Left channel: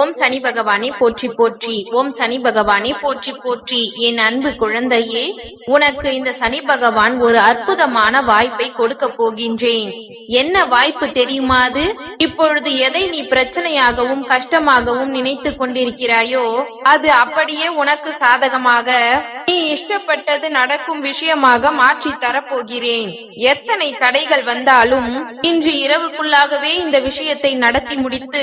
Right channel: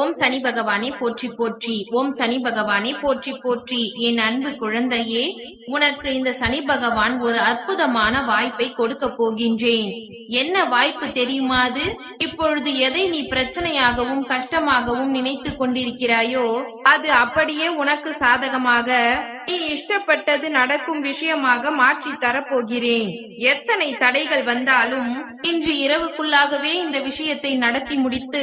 ஓம் சனி பகவானே போற்றி போற்றி. ஓம் சனி பகவானே போற்றி போற்றி. என் அன்பு குழந்தையே உனக்கு இந்த சனி பகவான் ஒரு அற்புதமான வாய்ப்பை கொடுக்க போகின்றேன். என்ன வாய்ப்பு தெரியுமா அது? இப்பொழுது எதை நீ பிரச்சனையாகவும் கஷ்டமாகவும் நினைத்து கொண்டிருக்கிறாயோ அது அப்படியே உனக்கு சாதகமாக நீ இஷ்டப்பட்டது நடக்கும் விஷயமாக மாற்றி தரப்போகிறேன். எத்தனை தடைகள் வந்தாலும் இன்று இரவுக்குள்ளாகவே இந்த விஷயத்தை நடத்தி முடித்து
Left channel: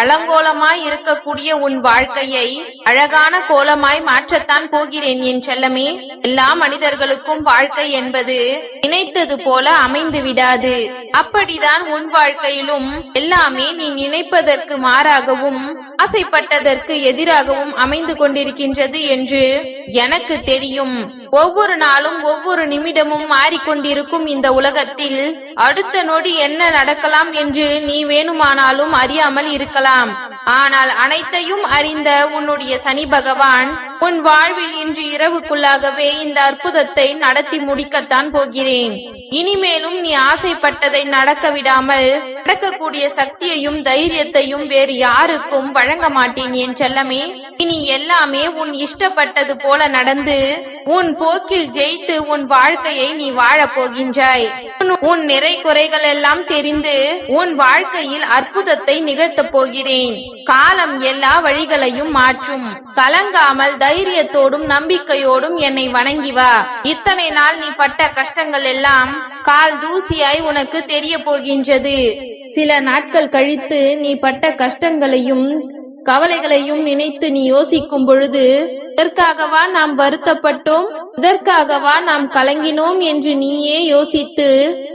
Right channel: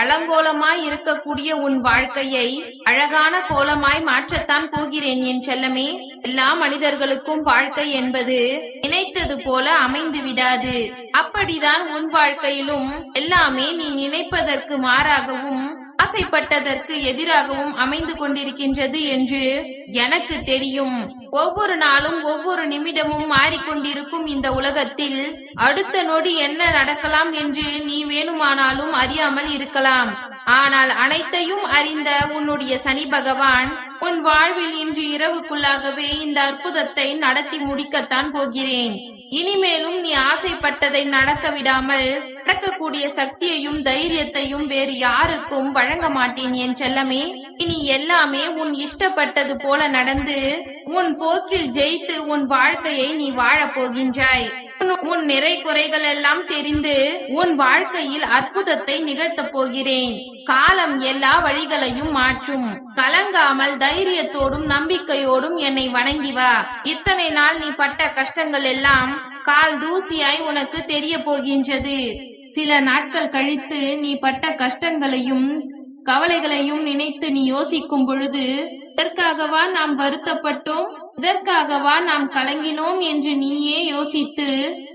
அலங்கோலமாய் இருக்கக்கூடிய உன் வாழ்க்கையை அழகான கோலமாய் மாற்றத்தான் போகிறேன் என் செல்லமே. எல்லா மனிதர்களுக்கும் வாழ்க்கை என்பது நினைத்தது போல அமைந்து விடாது. அப்படிதான் உன் வாழ்க்கையிலும் எல்லாமே நீ நினைப்பதற்கு மாறாகவும் ஆசைப்பட்டதற்கு எதிராகவும் அமைந்து கொண்டிருக்கின்றது என்று எனக்கு தெரியும். ஒவ்வொரு நாளும் ஒவ்வொரு நிமிடமும் மாறிக்கொண்டிருக்கும் இந்த உலகத்தில் அடுத்த நொடி என்ன நடக்கலாம் என்று நீ வேணுமானாலும் அறியாமல் இருக்கலாம். ஆனால் அனைத்தையும் அறிந்த உன்னுடைய சனி பகவான் உன் வாழ்வில் இன்று இரவுக்குள்ளாகவே இந்த அற்புதத்தை நடத்தி முடிக்கத்தான் போகிறேன். இனிமேலும் நீ ஆசைப்பட்டதை நடக்க விடாமல் நடக்கக்கூடிய சக்தியையும் தைரியத்தையும் வேறு யாருக்கும் வழங்க மாட்டேன் என் செல்லமே. இனி எல்லாமே உன் இஷ்டப்பட்டது போல நடந்து உன் போக்கில் ஜெயித்து உன் வாழ்க்கையை நீ வாழப் போகின்றாய். உன்- நிறை குறைகள் எல்லாம் தெரிந்து உன் வாழ்க்கையில் அற்புதத்தை நிகழ்த்தப் போகிறேன். காலம் எல்லா வழிகளையும் மாற்றும். கலங்காமல் தைரியத்தோடும் நம்பிக்கையோடும் என்னை வணங்கி வா. இத்தனை நாள் நீ பட்ட கஷ்டங்கள் எல்லாம் கால் தூசியாய் உனக்கு தெரிய போகின்றது சில நாட்கள் கழித்து நீ பட்ட கஷ்டங்களையும் கவலைகளையும் நினைத்து நீ யோசிக்கும் பொழுது இதற்காகவா நாம் வருத்தப்பட்டோம்? இதற்காகவா நாம் கலங்கினோம்? என்று நீயே யோசித்து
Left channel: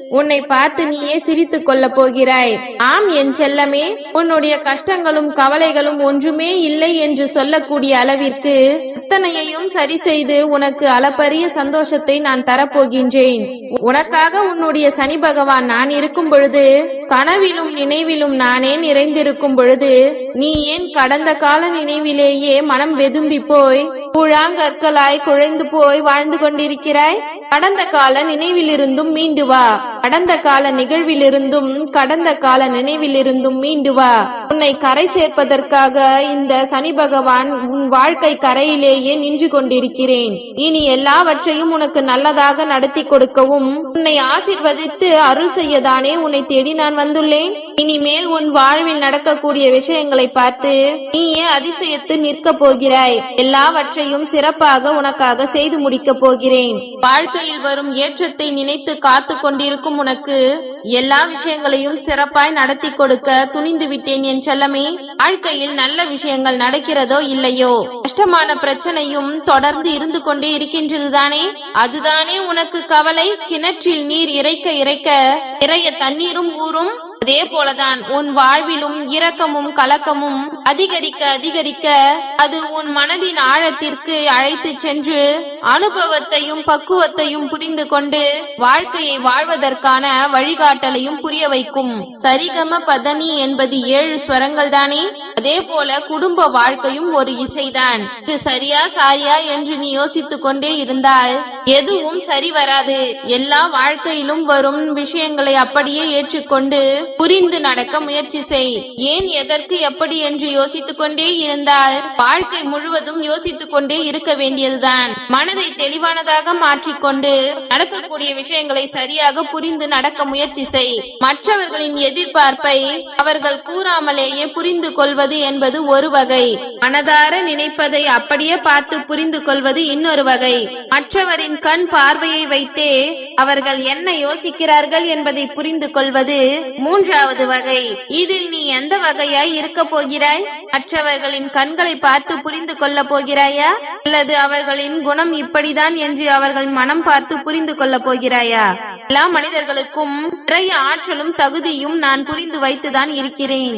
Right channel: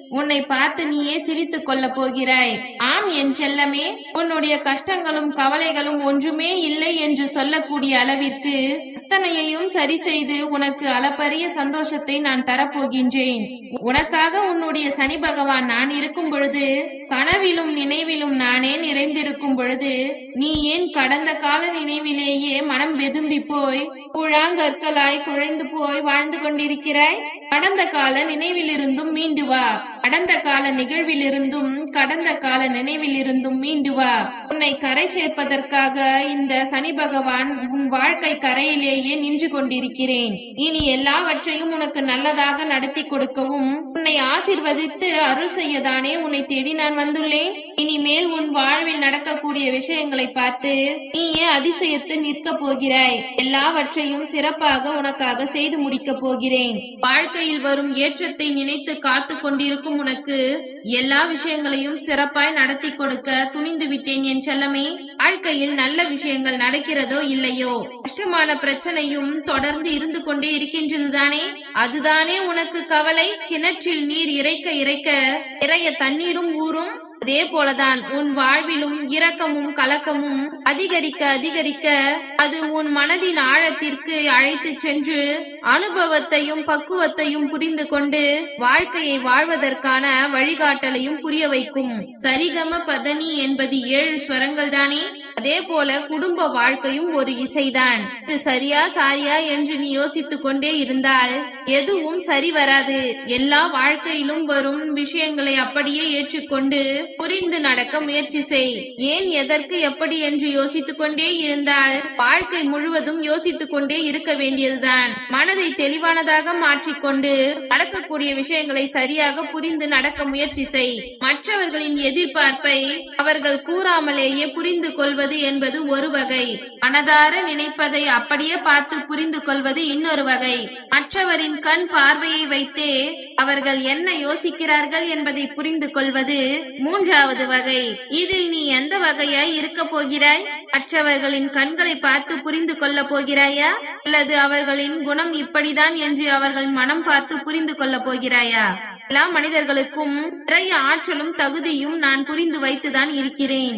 உன்னை பார்த்து நீயே சிரித்துக் கொள்ளப் போகிறாய். ஆம் என் செல்லமே உன்னுடைய கஷ்டங்களும் கவலைகளும் ஒன்றுமே இல்லை என்று சொல்லக்கூடிய அளவிற்கு அத்தனையையும் சரி செய்து உனக்கு அளப்பரிய சந்தோஷத்தை நான் தரப்போகின்றேன். உனக்காக உன்னுடைய சனி பகவான் நான் இருக்கும் பொழுது கனவிலும் நினைவிலும் நானே நிறைந்திருக்கும் பொழுது நீ ஏன் கடந்த கால நினைவிலேயே மனம் வெதும்பி போய் புழாங்கற்களாய் குழைந்து போய் வாழ்ந்து கொண்டிருக்கிறாய்? கடந்த கால நினைவிலிருந்தும் மீண்டு வா. கடந்த கால நிகழ்விலிருந்தும் கடந்த கால நினைவிலிருந்தும் மீண்டு வா. உன்னை கரை சேர்ப்பதற்காக இந்த சனி பகவான் உன் வாழ்க்கை கரையிலேயே நின்று கொண்டிருக்கிறேன். இனி எல்லாவற்றையும் உனக்கு நல்லதாக நடத்தி கொடுக்கவும் உன்னை ஆசிர்வதித்து அருள் செய்யதானே உன்னை தேடி நான் வந்துள்ளேன்? இனிமேல் உன் வாழ்வில் நடக்கக்கூடிய விஷயங்களை பார்த்து நீயே அதிசயத்து நிற்க போகிறாய். எல்லாவற்றையும் சிறப்பாக உனக்காக செய்து முடிக்கப் போகிறேன். வாழ்க்கையில் வரும் ஏற்றத்தை நினைத்து காத்து கொண்டிருக்கும் உனக்கு எல்லா விஷயங்களையும் சிறப்பாய் நடத்தி கொடுக்க துணிந்து விட்டேன் என் செல்லமே. வாழ்க்கையில் நல்ல விஷயங்கள் நடக்கிறதோ இல்லையோ? கஷ்டமான பிரச்சனையும் தொடர்ந்து இருந்து கொண்டே இருக்கின்றதுதானே? அதுதானே உனக்கு கவலை? கிணற்றில் நீர் இறைக்க இறைக்க நிறைய தண்ணீரும் ஊறும் அதே போலதான் உன் வாழ்விலும் இரக்கமும் கலக்கமும் அதிகரிக்க அதிகரிக்க அது உன் மனதின் ஆழத்திற்கு அழைத்து சென்று அனுபவத்தையும் பக்குவத்தையும் புரிந்து கொண்டு வாழ்க்கையை வாழ்வதற்கான வழிகாட்டலையும் புரிய வைக்கும். சரிகம பதனி என்பது ஏழு ஸ்வரங்கள் தானே? அதே போல குடும்ப வாழ்க்கையும் ஒரு இசைதான். இது சரியா சாரியா என்று நீ யோசித்துக் கொண்டே இருந்தால் எதுவும் சரி வராது. எல்லா வாழ்க்கையிலும் வரும் விஷயங்களை அப்படியே ஏற்றுக்கொண்டு புரிந்து நடக்க முயற்சி செய். ஏன் எதற்கு எப்படி என்று யோசித்துக் கொண்டே இருந்தால் வாழ்க்கை முழுவதும் யோசித்துக் கொண்டே இருக்க வேண்டியதுதான். மனதை தெளிவானதாக மாற்றிக்கொண்டு நடக்கக்கூடிய விஷயங்களை சரியாக புரிந்து நடக்க முயற்சி செய். மற்றவர்களின் எதிர்பார்ப்பை அவர்கள் கூறாமலேயே புரிந்து கொள்வது என்பது ஒரு வகை. மனதார நினைப்பதை அப்படியே பார்த்து புரிந்து கொள்வது இன்னொரு வகை. மற்றவரின் கண் பார்வையை வைத்தே அவர்கள் என்ன யோசிக்கிறார்கள் என்பதை புரிந்து கொள்வது மூன்றாவது வகை. இதில் நீ எந்த வகையாய் இருக்க போகிறாய்? மற்றவர்களின் கண்களை பார்த்து புரிந்து கொள்ள போகிறாயா? அல்லது அவர்களின் குணம் இப்படிதான் என்று அவர்கள் மனம் பார்த்து புரிந்து கொள்ள போகிறாயா? எல்லா மனிதர்களுக்கும் நிறைய ஆற்றலும் தகுதியும் நான் புரிந்து வைத்துதான் இருக்கிறேன்.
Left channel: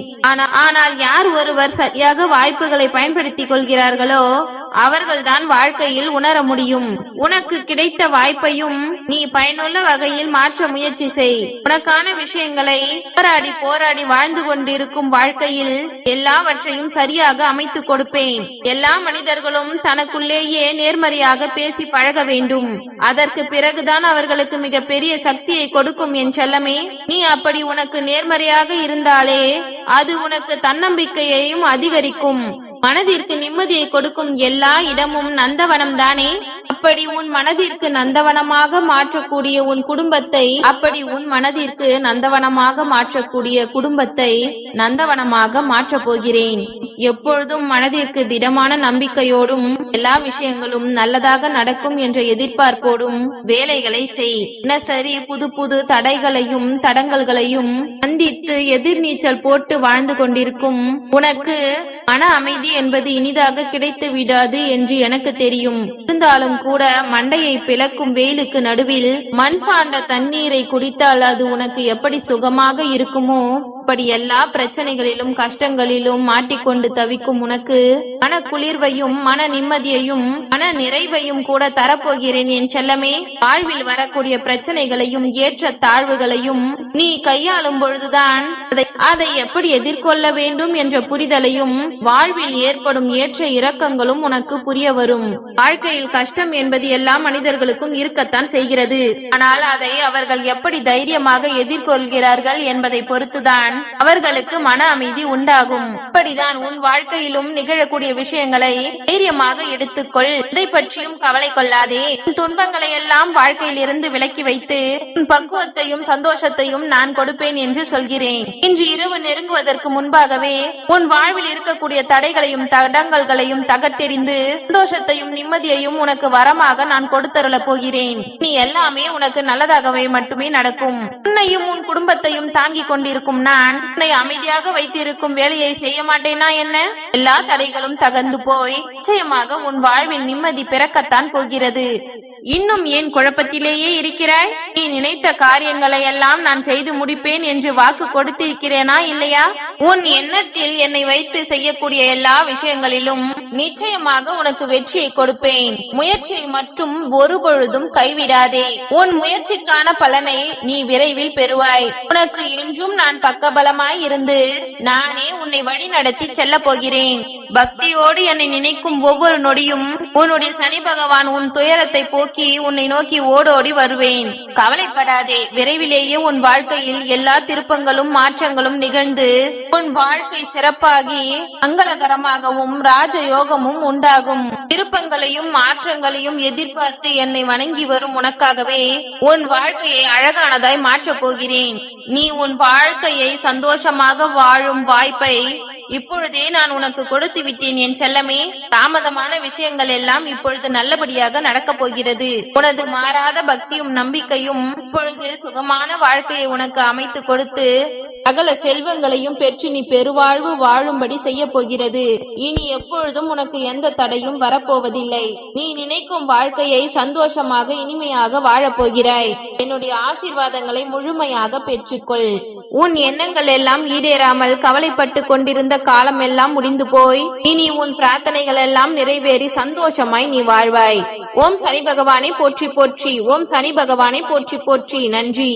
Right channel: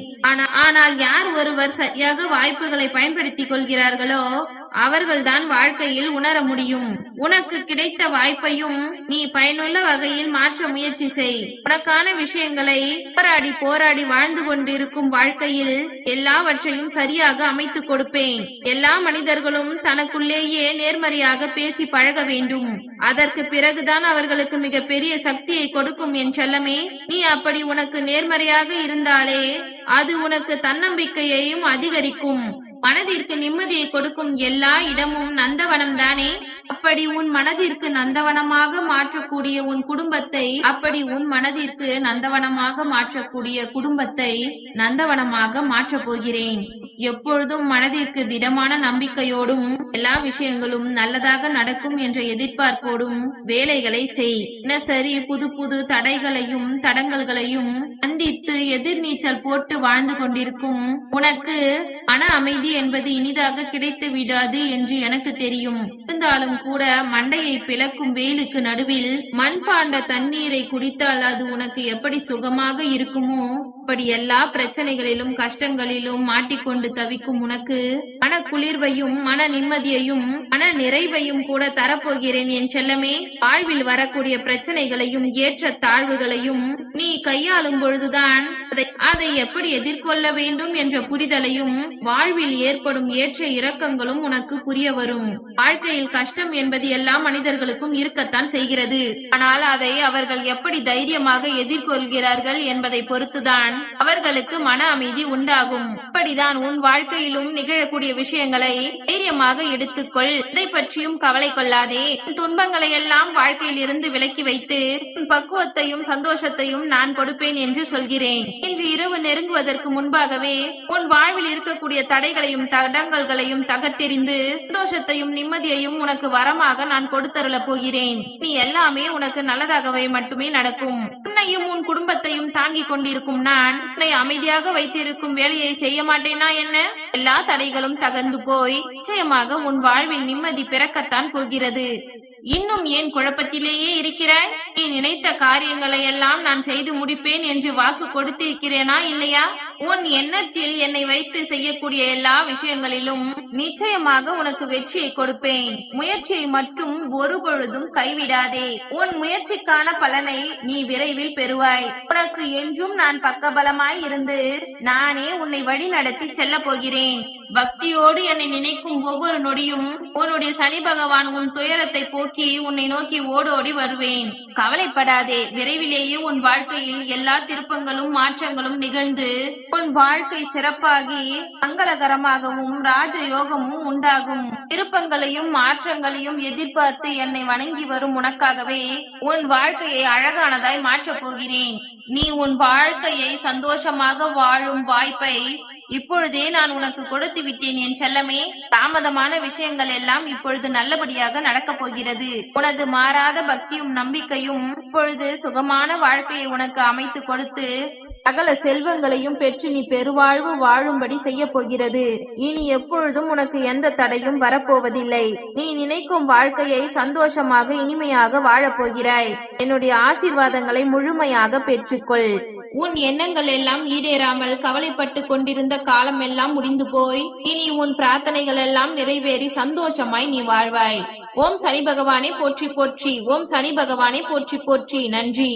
ஆனால் யார் ஒருவர் சரியாக வாய்ப்புகளை பயன்படுத்திக் கொள்கிறார்களோ அவர்கள்தான் வாழ்க்கையில் உணர முடியும். உனக்கு கிடைத்த வாய்ப்பையும் நீ பயனுள்ள வகையில் மாற்ற முயற்சி செய். உனக்கான விஷயங்களை போராடி போராடி வாழ்ந்து கொண்டிருக்கும் வாழ்க்கையில் எல்லாவற்றையும் சரியாக அமைத்துக் கொடுப்பேன். எல்லா மனிதர்களும் தனக்குள்ளேயே நேர்மறையாக பேசி பழக வேண்டும். அதற்கு பிறகுதான் அவர்களுக்கு மிக பெரிய சக்தியை கொடுக்கும் என் செல்லமே. நீ அப்படி உனக்கு நேர்மறையாக இருந்தாலே அது உனக்கு தன்னம்பிக்கையையும் அதிகரிக்கும். மனதிற்கு நிம்மதியை கொடுக்கும் எல்லா இடமும் நந்தவனம் தானே அப்படி உன் மனதிற்கு நந்தவனமாக மாற்றக்கூடிய உன் குடும்பத்தை அப்படி உன் மனதிற்கு நந்தவனமாக மாற்றக்கூடிய குடும்பத்தை நந்தவனமாக மாற்றப் போகிறேன். எப்பொழுதும் மனதிற்கு திடமான நம்பிக்கையோடும் எல்லா விஷயங்களும் நல்லதாக நடக்கும் என்ற எதிர்பார்ப்போடும் வேலைகளை செய். தினசரி புது புது தடைகளையும் தடங்கல்களையும் சந்தித்து எதிர்நீச்சல் போட்டு வாழ்ந்து கொண்டிருக்கும் உனக்கு மன அமைதி என்பது இனிதாக கிடைத்து விடாது என்று எனக்கு தெரியும். இருந்தாலும் கூட மண்டையை பிளக்கும் வெயிலுக்கு நடுவில் மண்பாண்ட தண்ணீரை குடித்தால் அது உனக்கு எப்படி சுகமாக இருக்குமோ? இப்படி எல்லா பிரச்சனைகளிலும் கஷ்டங்களிலும் மாட்டிக்கொண்டு தவிக்கும் உனக்கு மன குளிர்வையும் மன நிம்மதியையும் மன நிறைவையும் கூட தரப்போகிறேன் என் செல்லமே. வாழ்வில் வரக்கூடிய பிரச்சனைகளையும் ஏற்ற தாழ்வுகளையும் நீ கையாளும் பொழுதுதான் அதை அதை எப்படி எதிர்கொள்ள வேண்டும் என்ற புரிதலையும் வாழ்வில் ஏற்படும் ஏற்ற இரக்கங்களும் உனக்கு புரிய வரும். வாழ்க்கையில் கஷ்டம் என்பது எல்லா மனிதர்களுக்கும் இருக்கத்தான் செய்கிறது. ஆனால் அதை அவர்கள் எப்படி தைரியமாக எதிர்கொள்கிறார்கள் என்பதை பொறுத்துதான் அவர்களுக்கு மன அமைதி உண்டாகும். அப்படிதான் உன் வாழ்க்கையிலும் நிகழக்கூடிய விஷயங்களை தைரியமாக எடுத்துக்கொள். இதை பற்றியும் கவலை கொள்ளாதே. உன் துன்பங்களை எல்லாம் வாழ்க்கையில் இருந்து விலக்கி வைத்து உன் பக்குவத்தையும் சந்தோஷத்தையும் நான் கொடுப்பேன் என்று சொல்கிறேன். இன்று இரவு நெருங்குவதற்கு முன்பாகவே உன் வாழ்வில் இருக்கக்கூடிய தடைகளையும் தடங்கல்களையும் தகர்த்தெறிந்து சந்தோஷத்தையும் நிம்மதியையும் உனக்கு வரமாக நான் கொடுத்தருளப் போகிறேன். நீ எல்லாமே உனக்கு நல்லதாகவே மட்டுமே நடக்கும். உன்னையும் உன் குடும்பத்தையும் தாங்கிக் கொண்டிருக்கும் நான் உன்னை அமைதியாக வைத்திருக்கும் வேலையை செய்ய மாட்டேனா என்ன? எல்லா தடைகளும் தகர்ந்து போய் நிச்சயமாக உன் வாழ்வில் நிம்மதி பிறக்கத்தான் போகிறது. இன்னும் ஏன் குழப்பத்திலேயே இருக்கிறாய்? நீ நினைத்த காரியங்களை எல்லாம் நான் செய்து முடிப்பேன் என்று வாக்கு கொடுத்திருக்கிறேன். இல்லையா? உன் எண்ணத்தில் என்னை வைத்து செய்யக்கூடிய எல்லா விஷயங்களிலும் நிச்சயமாக உனக்கு வெற்றியை கொடுப்பேன். முயற்சியை மட்டும் ஒரு பொழுதும் கைவிடாதே. உன் முயற்சிக்கான பலனை நீ விரைவில் பெறுவாய். உனக்கு என்றும் நான் பக்கபலமாய் இருந்து நானே உன்னை வழி நடத்தி செல்ல போகிறேன். பக்தியோடு என்னை நினைக்கும் ஒவ்வொரு நொடியும் உன்னுடைய சனி பகவான் உன் துயரத்தை போக்கி உன்னை நோக்கி ஓடோடி வருவேன். கவலைப்படாதே. விரைவிலேயே உன் வாழ்க்கையில் எல்லா திருப்பங்களும் மாற்றங்களும் நிகழ்ந்து உன் வாழ்க்கை சிறப்பாகி மங்களகரமாகவும் ராஜயோகமும் உண்டாகும். திருப்பங்களையும் மாற்றங்களையும் எதிர்பார்த்து என்னை வணங்கி வரும் உனக்காகவே உன் வாழ்க்கையை அழகானதாய் மாற்றப் போகிறேன். நீ உன் வாழ்க்கையை சந்தோஷமாக வாழும் வாய்ப்பை இப்பொழுதே நான் உனக்கு கொடுத்து விட்டேன் என் செல்லமே. தாமதமான விஷயங்கள் எல்லாம் இப்பொழுது நல்லபடியாக நடக்கப் போகிறது. உனது மாறாத பக்தியும் நம்பிக்கையும் இப்பொழுது சுகமான வாழ்க்கையை உனக்கு அமைத்து கொடுத்து சகல செல்வங்களையும் பெற்று நீ பெருவாழ்வு வாழும்படி செய்ய போகிறது. இனி எப்பொழுதும் உனக்கு எந்த தடையும் வரப்போவதில்லை. நீ நினைக்கும் வாழ்க்கையை சந்தோஷமாக இனிமையாக வாழப் போகிறாய். என்னுடைய ஆசீர்வாதங்களை முழுமையாக பெற்றுக்கொள். உன் எண்ணங்கள் எல்லாம் ஈடேறாமல் கவலைப்பட்டு கொண்டிருந்த காலம் எல்லாம் முடிந்து போய் இனி உன் பிரார்த்தனைகள் எல்லாம் நிறைவேறி சந்தோஷமாய் நீ வாழ்வாய். ஓம் சனி பகவானை போற்றி போற்றி ஓம் சனி பகவானை போற்றி போற்றி. நன்றி.